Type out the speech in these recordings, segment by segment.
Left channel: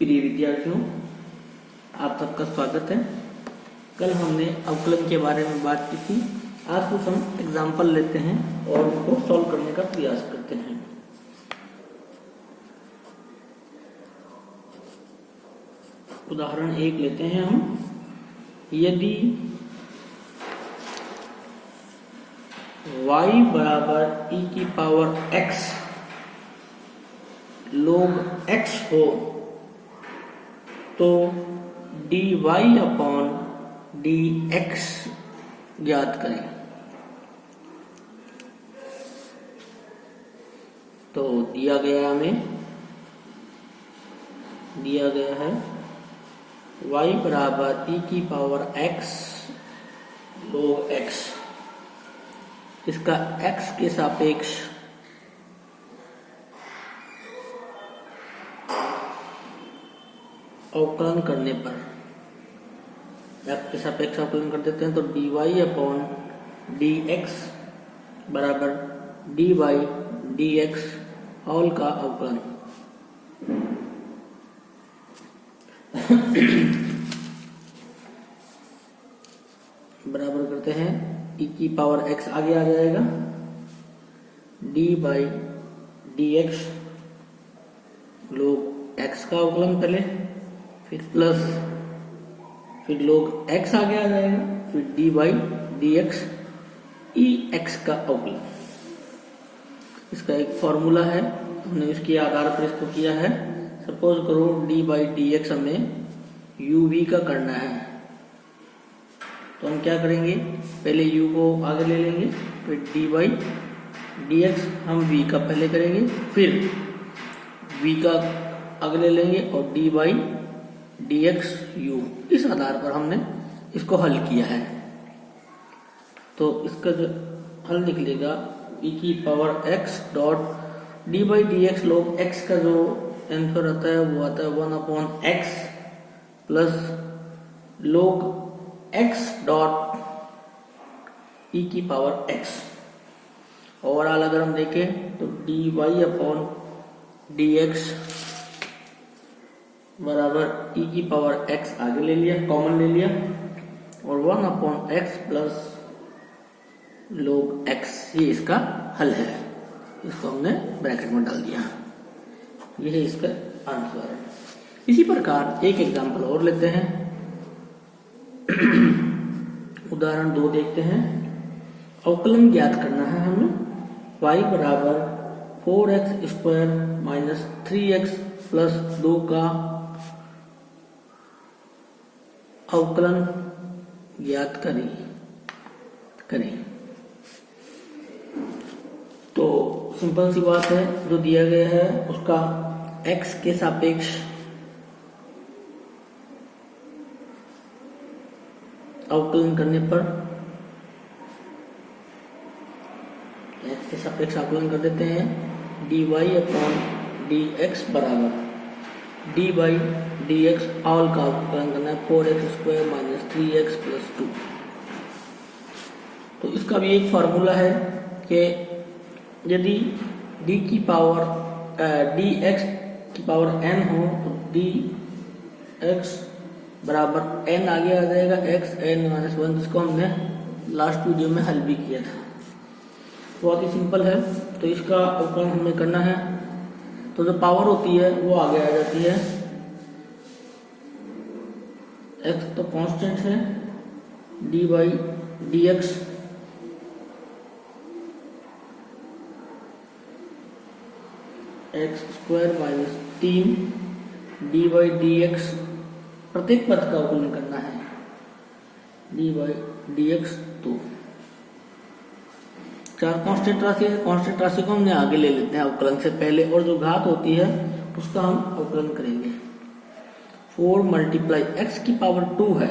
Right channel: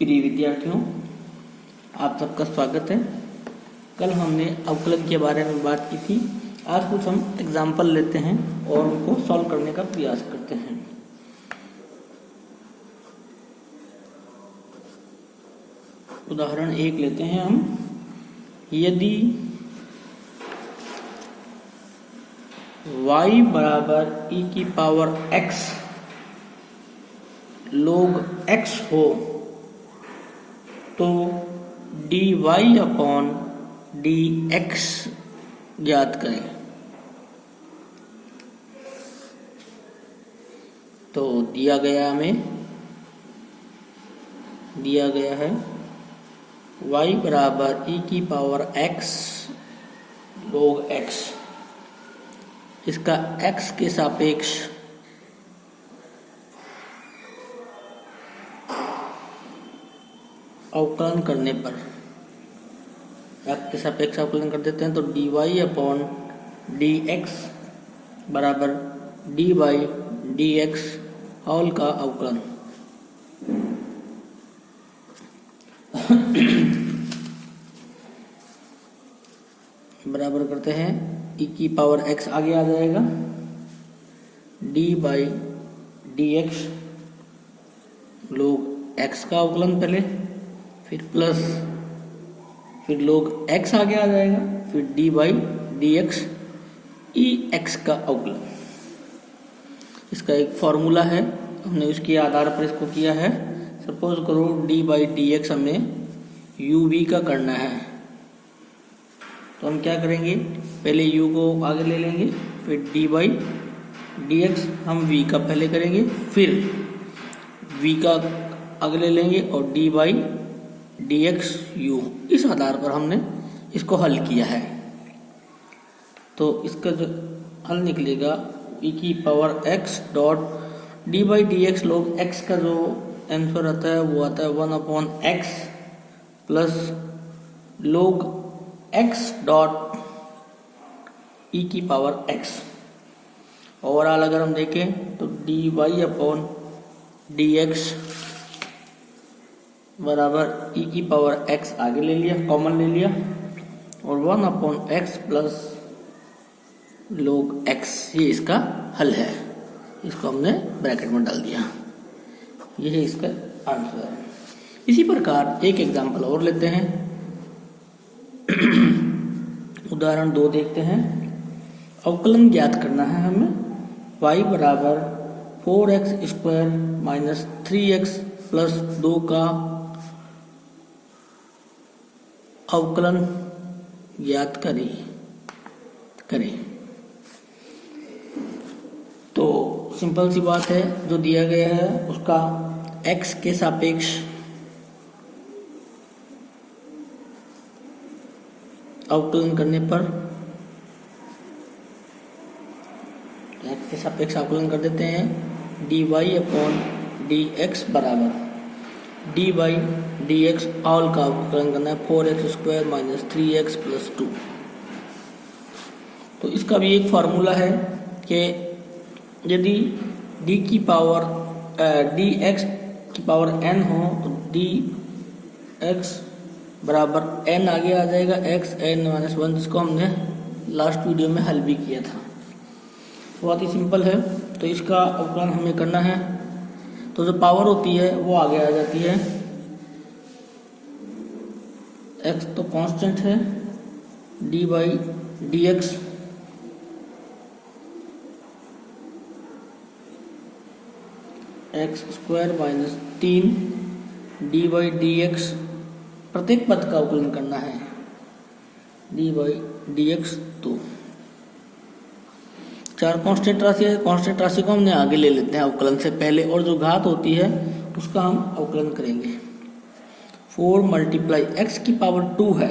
प्रिय विद्यार्थियों, आप सबका स्वागत है। कल हमने अवकलन के बारे में बात की थी। आज कुछ हम एग्जाम्पल लेते हैं और उनको सॉल्व करने का प्रयास करते हैं। उदाहरण 1 लेते हैं हम। यदि y बराबर e की पावर x log x हो तो dy अपॉन dx ज्ञात करें। तो दिया गया है y बराबर e की पावर x log x, इसका x के सापेक्ष अवकलन करने पर x के सापेक्ष अवकलन कर देते हैं तो dy अपॉन dx बराबर dy dx ऑल का अवकलन। बराबर करते हैं e की पावर x आगे आ जाएगा dy dx log x का अवकलन पहले, फिर प्लस, फिर log x आगे आ जाएगा, फिर dy dx ex का अवकलन। इसका एक फॉर्मूला है, हमने उसके आधार पर इसको किया है। सपोज करो dy dx हमें uv का करना है, तो हम क्या करेंगे, पहले u को आगे ले लेंगे, फिर dy dx हम v का पहले करेंगे, फिर v का आगे ले लेंगे और dy dx u। इस आधार पर हमने इसको हल किया है। तो इसका जो हल निकलेगा e की power x dot dy dx log x का जो आंसर आता है वो आता है 1 upon x plus log x dot e की पावर x। ओवरऑल अगर हम देखें तो dy अपॉन dx बराबर e की पावर x आगे ले लिया, कॉमन ले लिया, और 1 upon x plus log x, ये इसका हल है। इसको हमने ब्रैकेट में डाल दिया, ये इसका आंसर है। इसी प्रकार एक एग्जांपल और लेते हैं। उदाहरण 2 देखते हैं। अवकलन ज्ञात करना है हमें y बराबर 4x square minus 3x plus 2 का अवकलन ज्ञात करें। तो सिंपल सी बात है, जो दिया गया है उसका x के सापेक्ष अवकलन करने पर x के सापेक्ष अवकलन कर देते हैं dy अपॉन dx बराबर dy dx ऑल का अवकलन करना है 4x square minus 3x plus 2। तो इसका भी एक फॉर्मूला है कि यदि d की पावर dx की पावर n हो तो dx बराबर n आगे आ जाएगा x n माइनस 1, जिसको हमने लास्ट वीडियो में हल भी किया था। बहुत ही सिंपल है। तो इसका अवकलन हमें करना है, तो जो पावर होती है वो आगे आ जाती है। x तो कांस्टेंट है, dy dx x square minus 3 dy dx, प्रत्येक पद का अवकलन करना है dy dx। तो 4 कांस्टेंट राशि है, कांस्टेंट राशि को हमने आगे ले लेते हैं अवकलन से पहले, और जो घात होती है उसका हम अवकलन करेंगे। 4 मल्टीप्लाई x की पावर 2 है,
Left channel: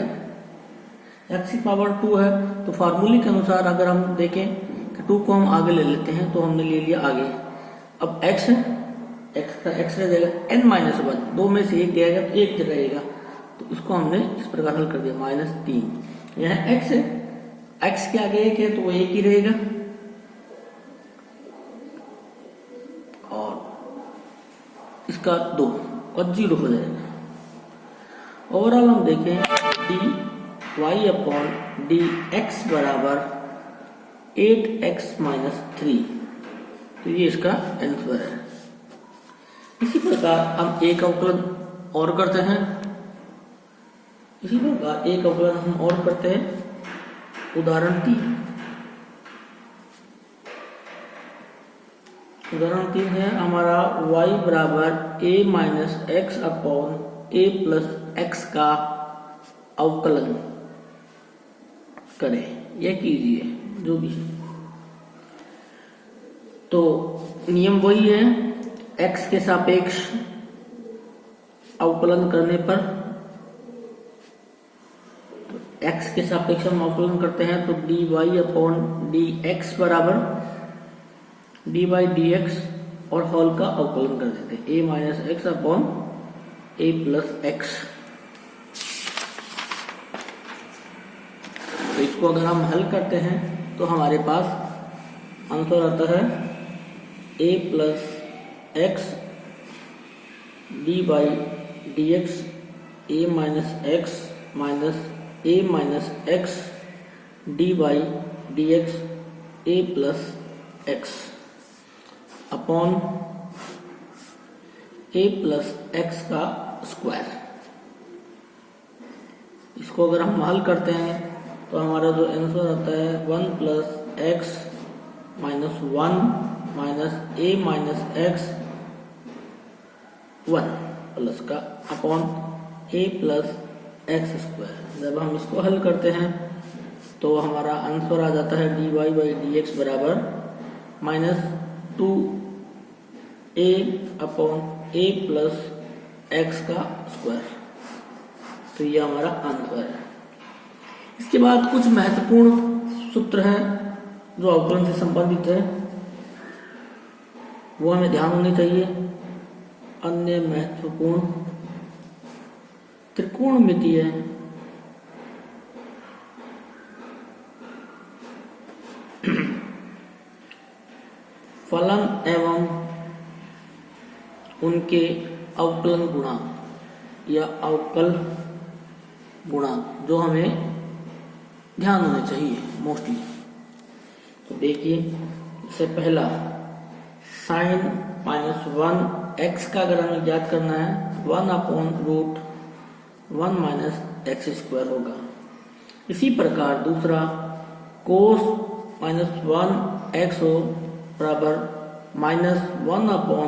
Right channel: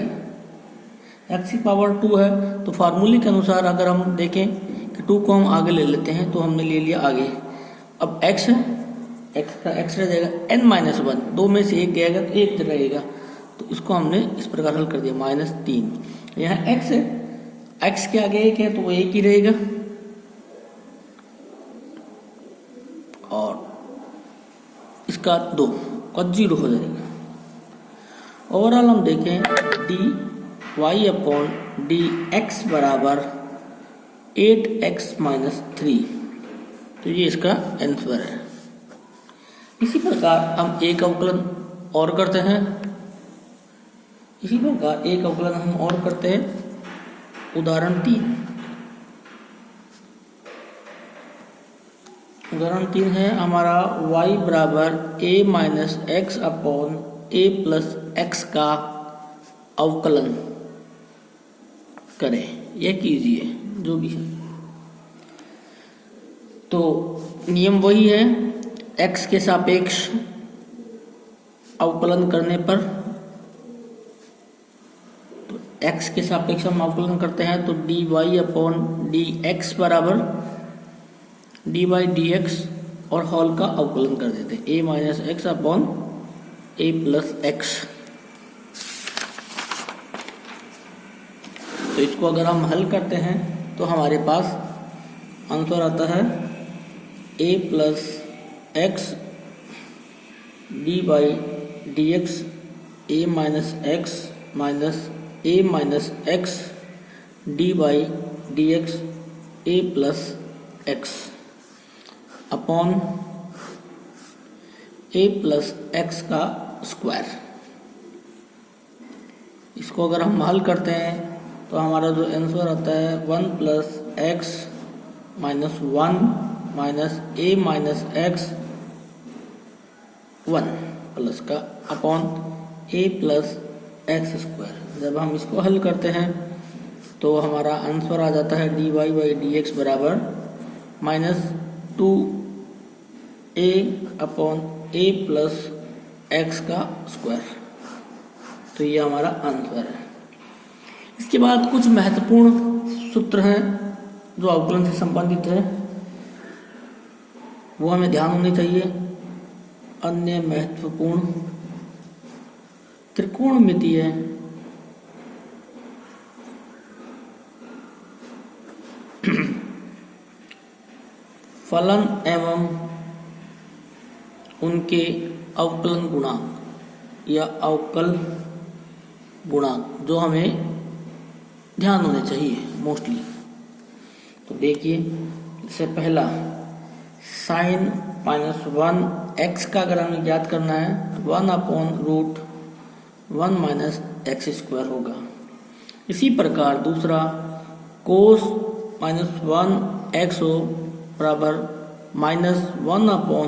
x की पावर 2 है, तो फार्मूले के अनुसार अगर हम देखें कि 2 को हम आगे ले लेते हैं तो हमने ले लिया आगे। अब x है, x का x रह जाएगा n माइनस 1, 2 में से 1 गएगा तो 1 रहेगा, तो इसको हमने इस प्रकार हल कर दिया माइनस 3। यहाँ x है, x के आगे 1 है तो वो 1 ही रहेगा, और इसका 2 और 0 हो जाएगा। ओवरऑल हम देखें D Y upon D X बराबर 8x माइनस 3, तो ये इसका आंसर है। इसी प्रकार हम एक अवकलन और करते हैं, उदाहरण 3 है हमारा y बराबर a minus x upon a plus x का अवकलन करें या कीजिए, जो भी है। तो नियम वही है, x के सापेक्ष अवकलन करने पर, तो x के सापेक्ष हम अवकलन करते हैं तो dy अपॉन डी एक्स बराबर dy dx और होल का अवकलन कर देते हैं a minus x upon a plus x. तो इसको अगर हम हल करते हैं तो हमारे पास आंसर आता है a plus x D by D x a minus x minus a minus x D by D x a plus x upon a plus x का स्क्वायर। इसको अगर हम हल करते हैं तो हमारा जो आंसर आता है 1 plus X minus 1 minus a minus X 1 plus का upon a plus X square. जब हम इसको हल करते हैं तो हमारा आंसर आ जाता है dy बाई डी एक्स बराबर minus 2a upon a plus x का स्क्वायर। तो ये हमारा आंसर है। इसके बाद कुछ महत्वपूर्ण सूत्र हैं जो अवकलन से संबंधित है, वो हमें ध्यान होने चाहिए। अन्य महत्वपूर्ण त्रिकोणमितीय फलन एवं उनके अवकलन गुणांक या अवकल गुणांक जो हमें ध्यान होने चाहिए मोस्टली। तो देखिए, इससे पहला साइन माइनस 1 एक्स का अगर हमें ज्ञात करना है 1 upon root 1 minus X square होगा। इसी प्रकार दूसरा कोस माइनस 1 एक्स हो बराबर माइनस 1 अपॉन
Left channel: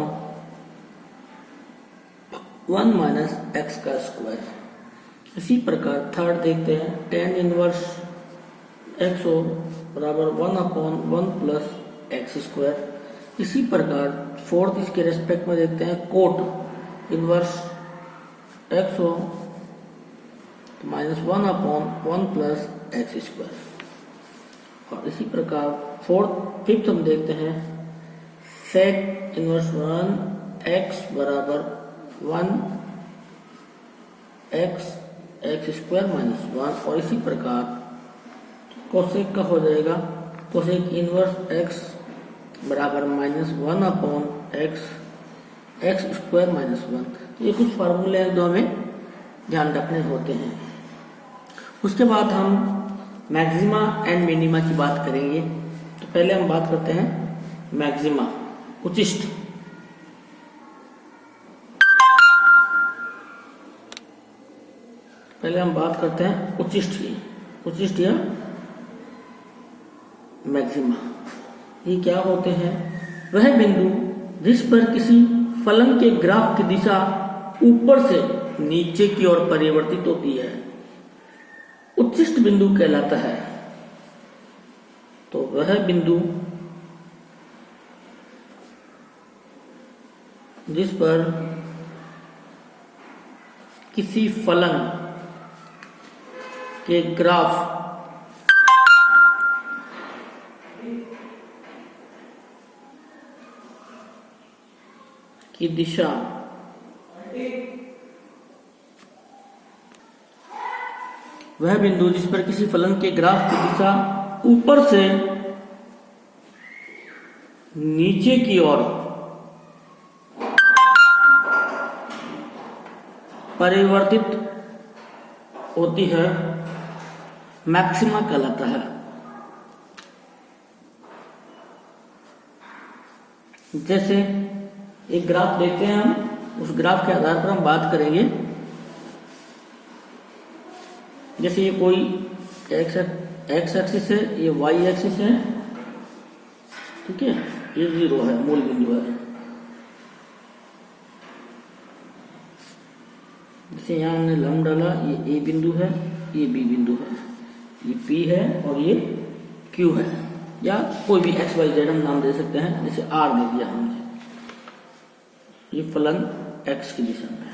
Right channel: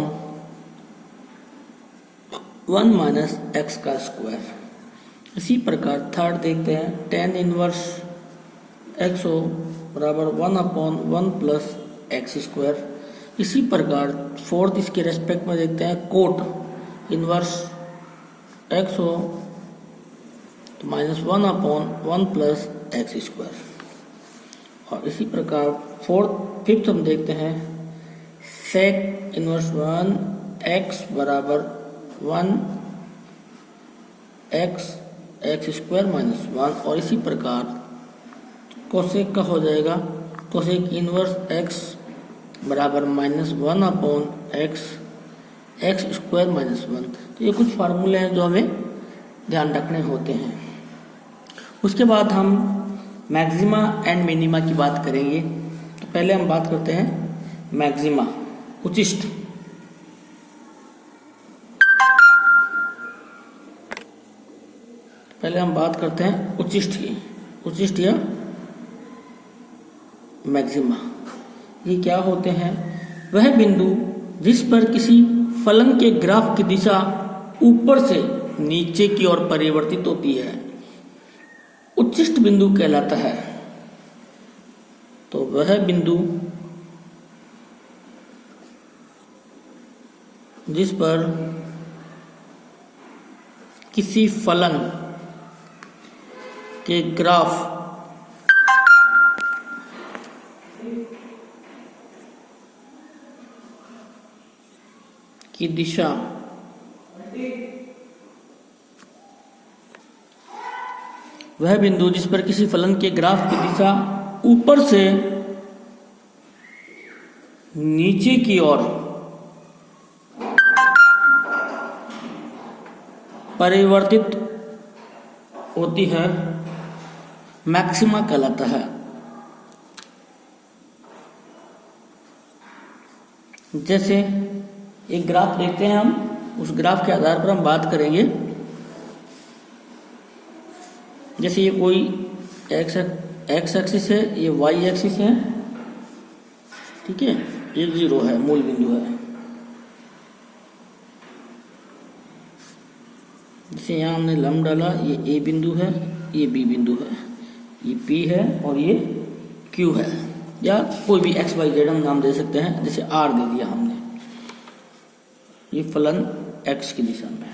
1 माइनस एक्स का स्क्वायर। इसी प्रकार थर्ड देखते हैं टेन इनवर्स एक्स हो बराबर 1 अपॉन 1 प्लस एक्स स्क्वायर। इसी प्रकार फोर्थ इसके रेस्पेक्ट में देखते हैं कोट इनवर्स एक्स हो तो minus 1 upon 1 plus X square. और इसी प्रकार फिफ्थ हम देखते हैं सेक इनवर्स 1 एक्स बराबर 1 एक्स एक्स स्क्वायर माइनस 1। और इसी प्रकार कोसेक का हो जाएगा कोसेक इनवर्स एक्स बराबर minus 1 upon x x square minus 1। ये कुछ फार्मूले हैं जो हमें ध्यान रखने होते हैं। उसके बाद हम मैक्सिमा एंड मिनिमा की बात करेंगे। तो पहले हम बात करते हैं मैक्सिमा, उचिष्ठ। पहले हम बात करते हैं उचिष्ठ की, उचिष्ठ या मैक्सिमा। ये क्या होते हैं? वह बिंदु जिस पर किसी फलन के ग्राफ की दिशा ऊपर से नीचे की ओर परिवर्तित होती है उच्चिष्ट बिंदु कहलाता है। तो वह बिंदु जिस पर किसी फलन के ग्राफ की दिशा वह बिंदु जिस पर किसी फलन के ग्राफ की दिशा ऊपर से नीचे की ओर परिवर्तित होती है मैक्सिमा कहलाता है। जैसे एक ग्राफ देते हैं हम, उस ग्राफ के आधार पर हम बात करेंगे। जैसे ये कोई एक्स एक्सिस है, ये वाई एक्सिस है, ठीक है, ये 0 है, मूल बिंदु है। जैसे यहाँ हमने लंब डाला, ये ए बिंदु है, ये बी बिंदु है, ये पी है और ये क्यू है, या कोई भी एक्स वाई जेड हम नाम दे सकते हैं। जैसे आर दे दिया हमने, ये फलन एक्स की दिशा में,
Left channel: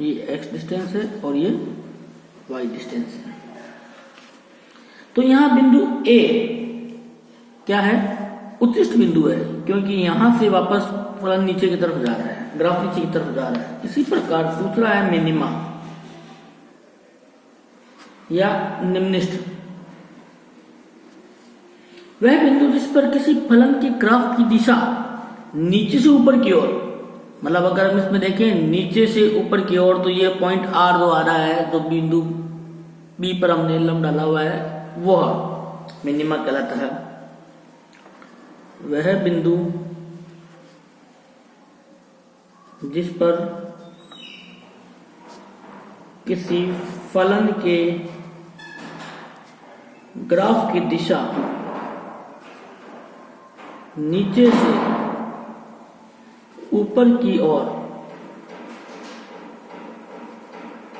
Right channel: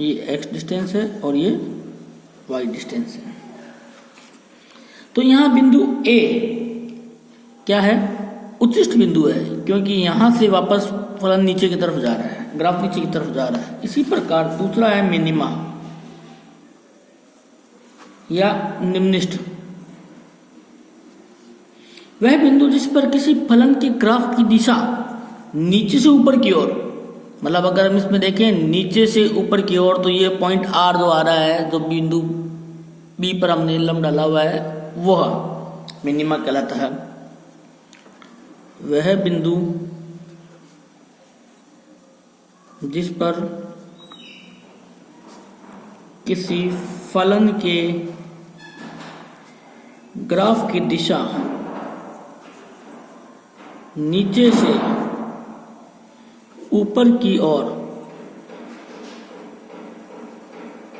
ये एक्स डिस्टेंस है और ये वाई डिस्टेंस है। तो यहां बिंदु ए क्या है? उच्चिष्ट बिंदु है, क्योंकि यहां से वापस फलन नीचे की तरफ जा रहा है, ग्राफ नीचे की तरफ जा रहा है। इसी प्रकार दूसरा है मिनिमा या निम्निष्ठ, वह बिंदु जिस पर किसी फलन के ग्राफ की दिशा नीचे से ऊपर की ओर, मतलब अगर हम इसमें देखें नीचे से ऊपर की ओर, तो ये पॉइंट आर जो आ रहा है, जो बिंदु बी पर हमने लंब डाला हुआ है, वह मिनिमा कहलाता है। वह बिंदु जिस पर किसी फलन के ग्राफ की दिशा नीचे से ऊपर की ओर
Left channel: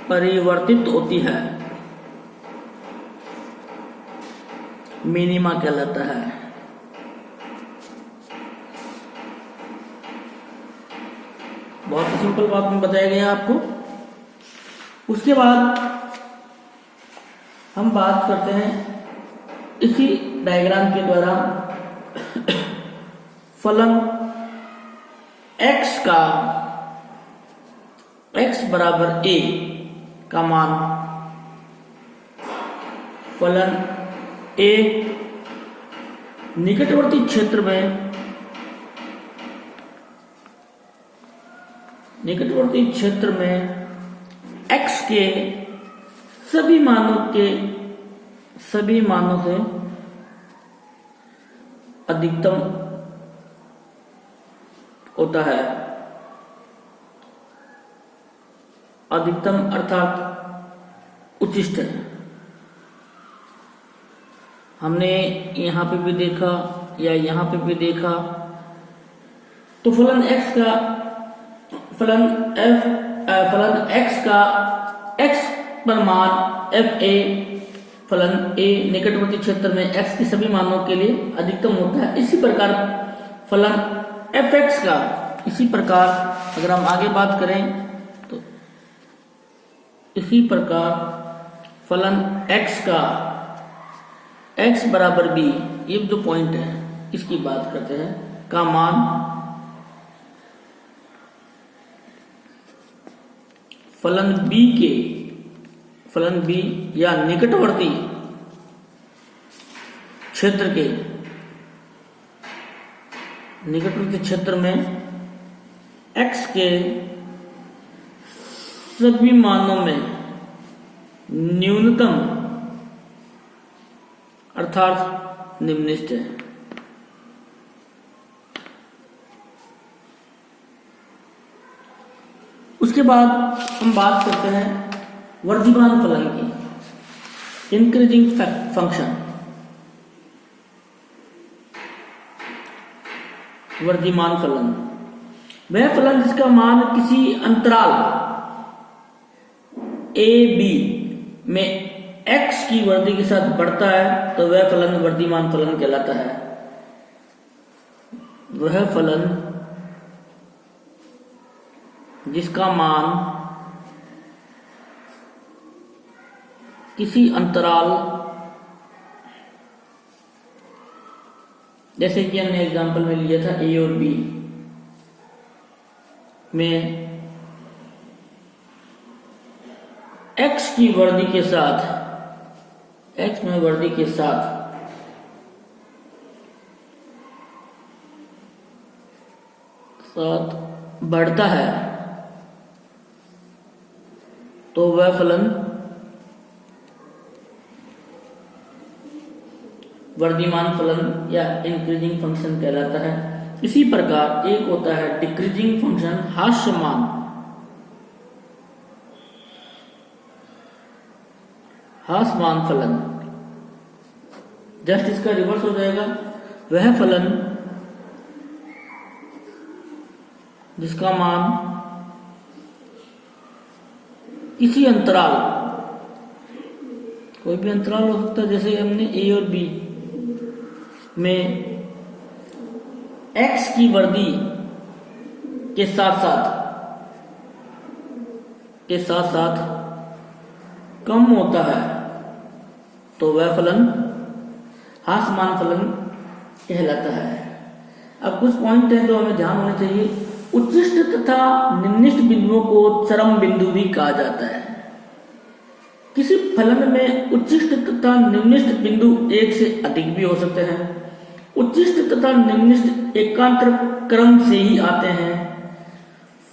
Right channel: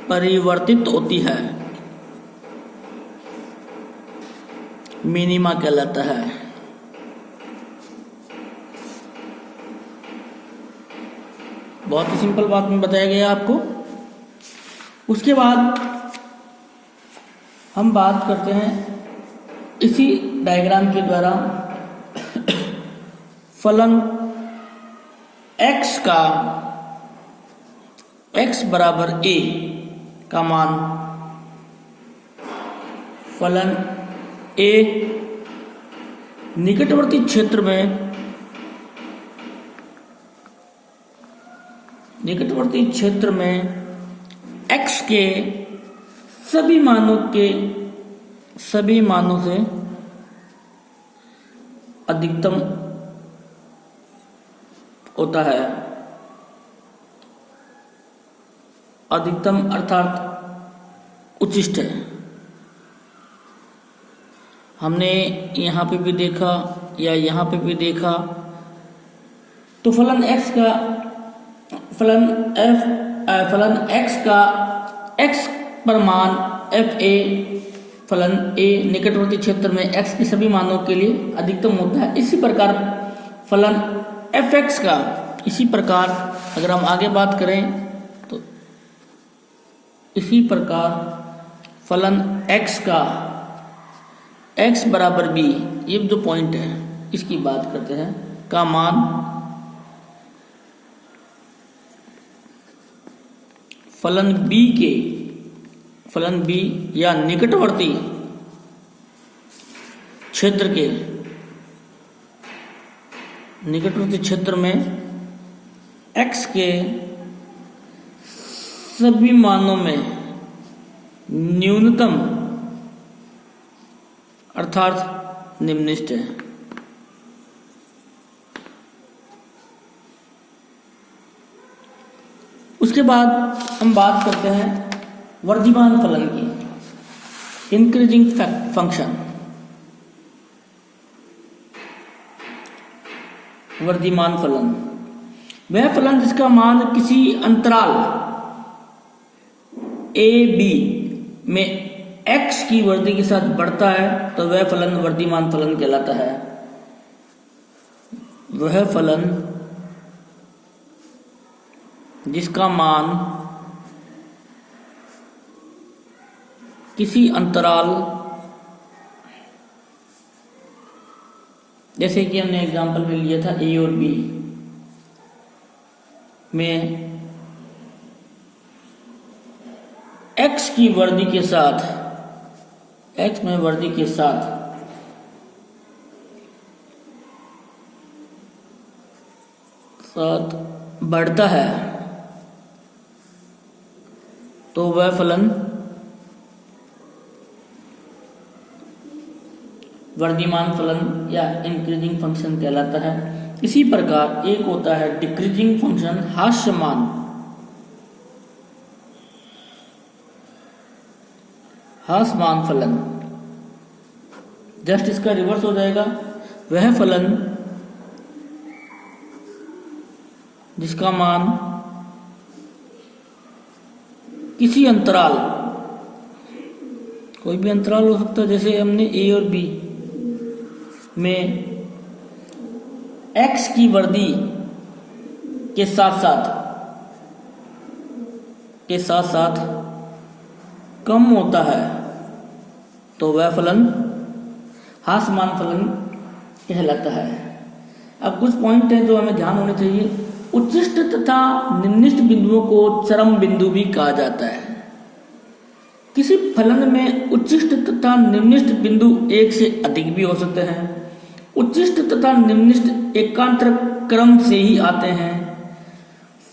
परिवर्तित होती है, मिनिमा कहलाता है। बहुत ही सिंपल बात में बताया गया आपको। उसके बाद हम बात करते हैं इसी डायग्राम के द्वारा फलन x का, x बराबर a का मान फलन a निकटवर्ती क्षेत्र में, निकटवर्ती क्षेत्र में x के सभी मानों से अधिकतम होता है। अधिकतम अर्थात उच्चिष्ट है। हमने यहां पे भी देखा या यहां पे भी देखा, तो फलन x का, फलन x का x पर मान f a, फलन a निकटवर्ती क्षेत्र में x के सभी मानों के लिए अधिकतम होता है। इसी प्रकार फलन fx का, इसी प्रकार अगर हम आगे बात करें तो इसी प्रकार फलन x का, x बराबर b, ये जो पॉइंट है इसकी बात करते हैं, का मान फलन b या निकटवर्ती क्षेत्र में x के सभी मानों में न्यूनतम अर्थात निम्नलिखित है। उसके बाद हम बात करते हैं वर्धिमान फलन की, इंक्रीजिंग फंक्शन। वर्धिमान फलन वह फलन जिसका मान किसी अंतराल a b में x की वृद्धि के साथ बढ़ता है, तो वह फलन वर्धिमान फलन कहलाता है। वह फलन जिसका मान किसी अंतराल, जैसे कि हमने एग्जांपल में लिया था a और b में x की वृद्धि के साथ, x में वृद्धि के साथ बढ़ता है, तो वह फलन वर्धमान फलन या इंक्रीजिंग फंक्शन कहलाता है। इसी प्रकार एक होता है डिक्रीजिंग फंक्शन, ह्रासमान फलन। जस्ट इसका रिवर्स हो जाएगा। वह फलन जिसका मान किसी अंतराल, कोई भी अंतराल हो सकता है, जैसे हमने ए और बी में x की वर्दी के साथ साथ कम होता है तो वह फलन ह्रासमान फलन कहलाता है। अब कुछ पॉइंट है जो हमें ध्यान होने चाहिए। उच्चिष्ट तथा निम्निष्ट बिंदुओं को चरम बिंदु भी कहा जाता है। किसी फलन में उच्चिष्ट तथा निम्निष्ट बिंदु एक से अधिक भी हो सकते हैं। उच्चिष्ट तथा निम्निष्ट एकांतर क्रम से ही आते हैं।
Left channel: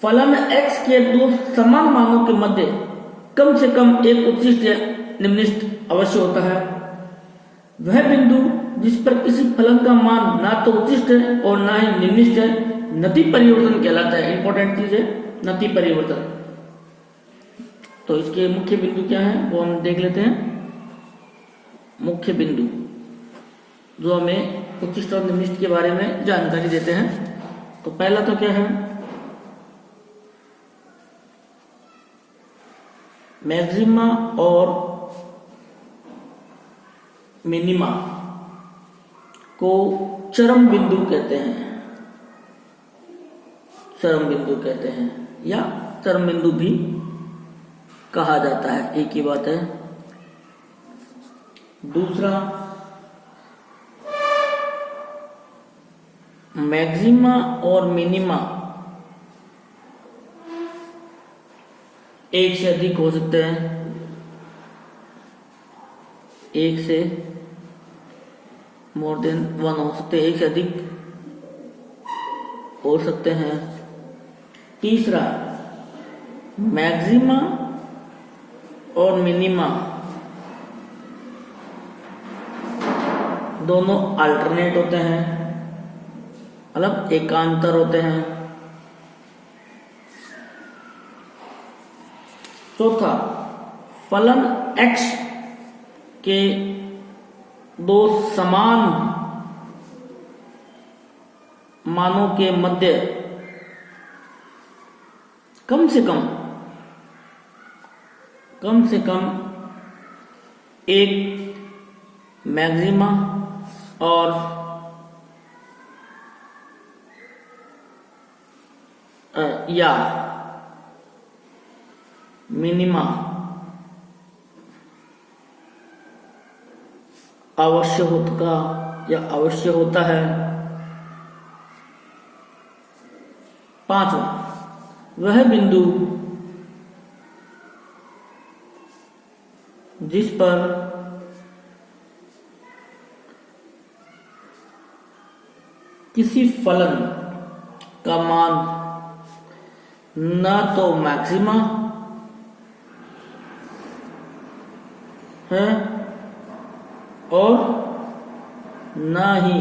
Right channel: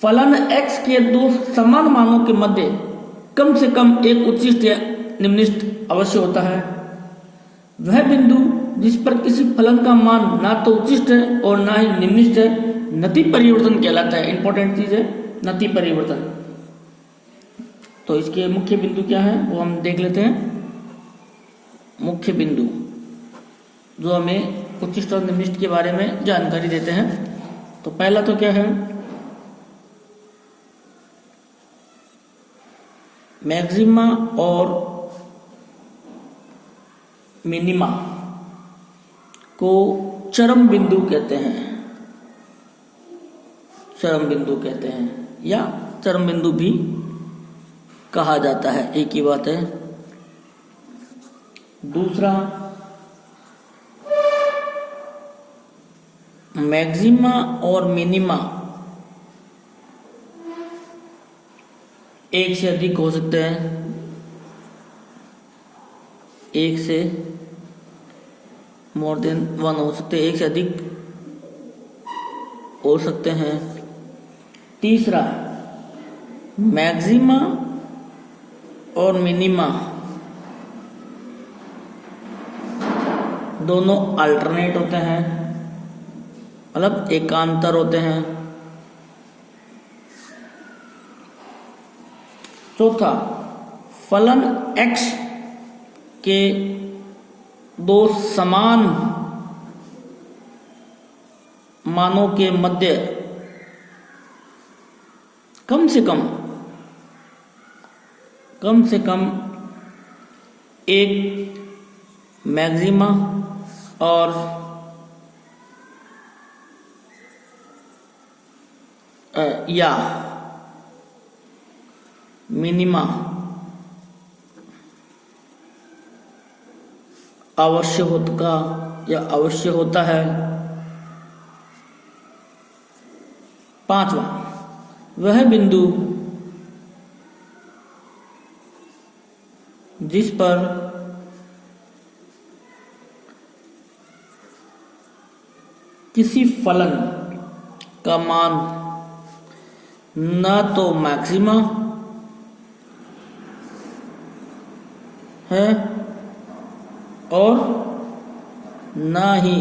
फलन x के दो समान मानों के मध्य कम से कम एक उच्चिष्ट या निम्निष्ट अवश्य होता है। वह बिंदु जिस पर किसी फलन का मान ना तो उच्चिष्ट है और ना ही निम्निष्ट है, नति परिवर्तन कहलाता है। इंपॉर्टेंट चीज है नति परिवर्तन। तो इसके मुख्य बिंदु क्या है वो हम देख लेते हैं। मुख्य बिंदु जो हमें उच्चिष्ट और निम्निष्ट के बारे में जानकारी देते हैं। तो पहला तो क्या है, मैक्सिमा और मिनिमा को चरम बिंदु कहते हैं। चरम बिंदु कहते हैं या चरम बिंदु भी कहा जाता है, एक ही बात है। दूसरा, मैक्सिमा और मिनिमा एक से अधिक हो सकते हैं। एक से मोर देन वन हो सकते हैं, एक से अधिक हो सकते हैं। तीसरा, मैक्सिमा और मिनिमा दोनों अल्टरनेट होते हैं, मतलब एकांतर होते हैं। चौथा, फलन x के दो समान मानों के मध्य कम से कम एक मैक्सिमा और या मिनिमा अवश्य होता है। पांचवा, वह बिंदु जिस पर किसी फलन का मान ना तो मैक्सिमा है और ना ही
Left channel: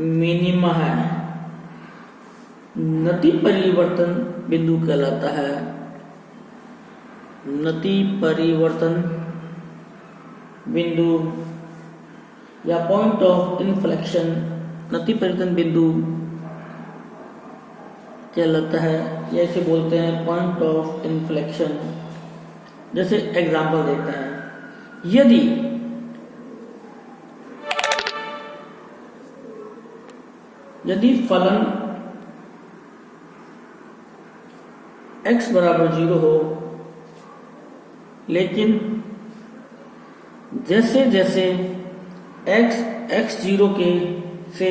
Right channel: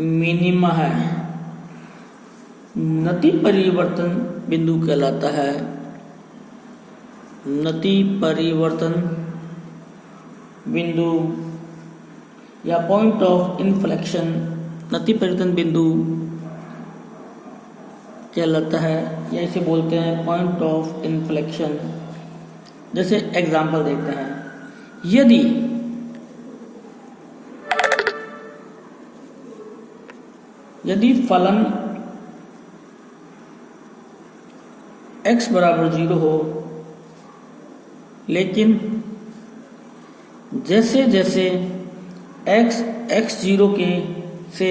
मिनिमा है, नति परिवर्तन बिंदु कहलाता है। नति परिवर्तन बिंदु या पॉइंट ऑफ इन्फ्लेक्शन, नति परिवर्तन बिंदु कहलाता है, या इसे बोलते हैं पॉइंट ऑफ इन्फ्लेक्शन। जैसे एग्जांपल देते हैं, यदि फलन x बराबर 0 हो, लेकिन जैसे जैसे x 0 के से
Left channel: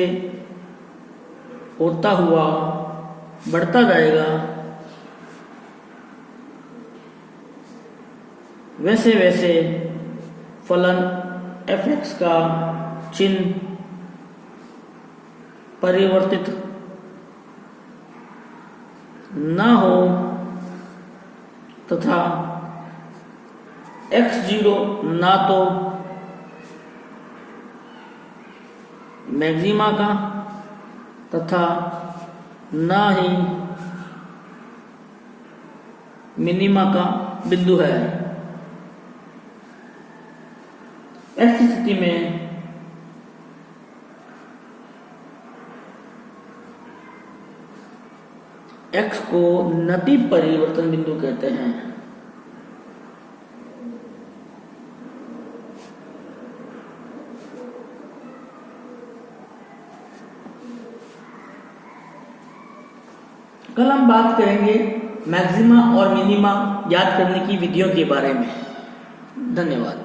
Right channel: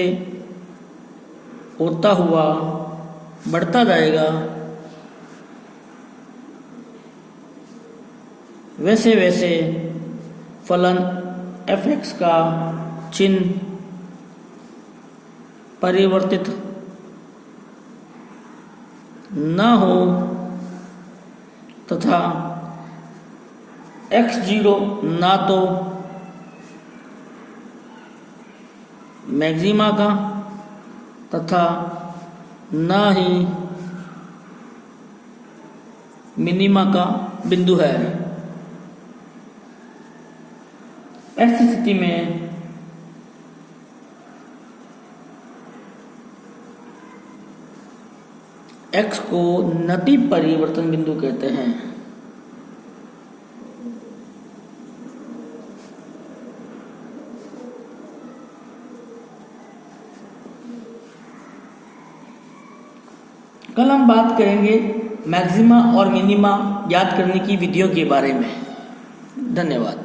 होता हुआ बढ़ता जाएगा, वैसे वैसे फलन f(x) का चिन्ह परिवर्तित न हो तथा x0 ना तो मैक्सिमा का तथा ना ही मिनिमा का बिंदु है। ऐसी स्थिति में x को नति परिवर्तन बिंदु कहते हैं। कल हम बात करेंगे मैक्सिमा और मिनिमा ज्ञात करने की विधियों के बारे में। धन्यवाद।